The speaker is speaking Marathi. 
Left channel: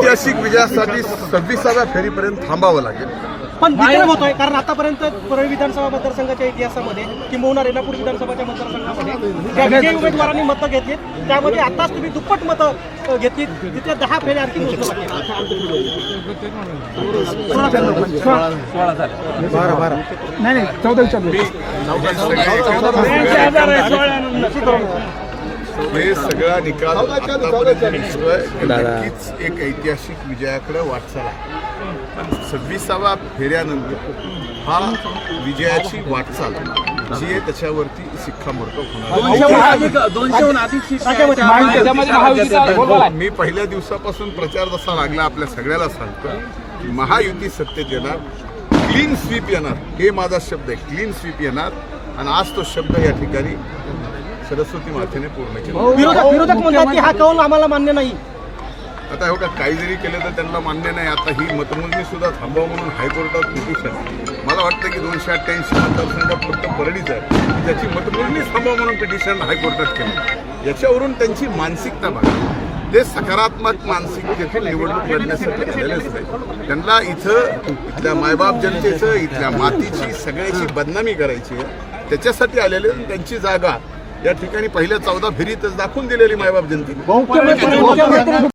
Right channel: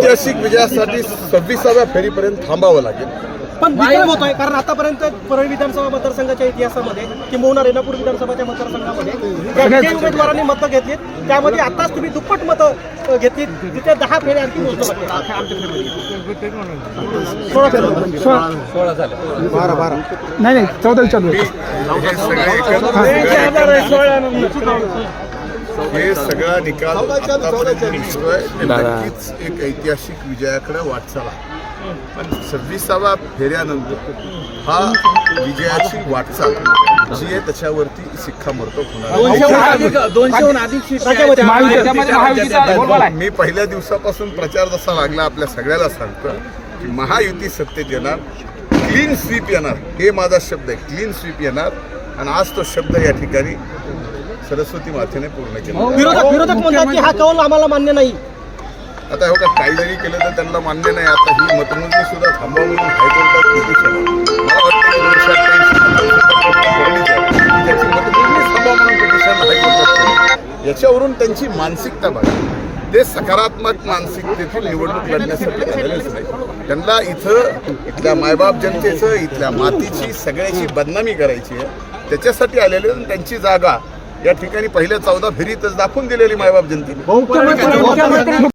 ऐतिहासिक विजयासाठी सव्वीसाव्या फेरीपर्यंत थांबावं लागेल. पण विक्रम होतोय कारण आतापर्यंत परळी विधानसभा मतदारसंघाच्या इतिहासामध्ये किंबहुना रेणापूर विधानसभाच्या मतदारसंघामध्ये विजयी उमेदवारांनी मतं घेतली त्यामध्ये आताच तुम्ही दुप्पट मतं घेतली तिथे दहा फेऱ्या आणखी. नाही नाही चौदा हे सगळे हे निकाल आतापर्यंत दिसतोय की नक्कीच एक ऐतिहासिक विजयाकडे वाटचाल आहे. पण सव्वीसाव्या फेऱ्यानंतर हा विजयाची वाटचाल जी आहे त्याच्यावरती शिक्कामोर्तब होणार आहे. दोनशेहून अधिक त्याच्यामध्ये महायुतीचा बोलबाला आहे. मी पहिल्या दिवसापासून प्रचार जसा लागला आपल्या सगळ्याला सांगतोय की महायुती सत्तेत येणार क्लीन स्वीप येणार. हे माझा शब्द आहे. क्लीन स्वीप येणार. आणि आज तो शब्द या ठिकाणी सरस्वती मातेने पूर्ण केला. विरोधक विरोधक म्हणतात की हा कौल आम्हाला मान्य नाही. आता हो का काही जरी केलं तर त्यांना मान्य नाही. आता ही मतमोजणी सुद्धा थांबवा म्हणून हायकोर्टात पिटिशन मला वाटतं की दोनशे अठ्ठ्याऐंशी मतदारसंघात परळीच आहे. की ज्याची मतमोजणी थांबवा म्हणून पिटिशन हायकोर्टात केलं. याच्यावरून त्यांची मानसिकता बघा. ते सकारात्मक मानसिकतेतून निवडणूक लढण्यासाठी आलेलेच नाही. त्यांना इथं इथल्या मायबाप जनतेचं इथल्या मातीची सगळ्याची बदनामी करायची आहे. त्याच्यासाठी आलेले त्यांची जागा या ठिकाणी पहिल्या चौदा फेरीतच दाखवून दिलेली मायबाप जनतेने.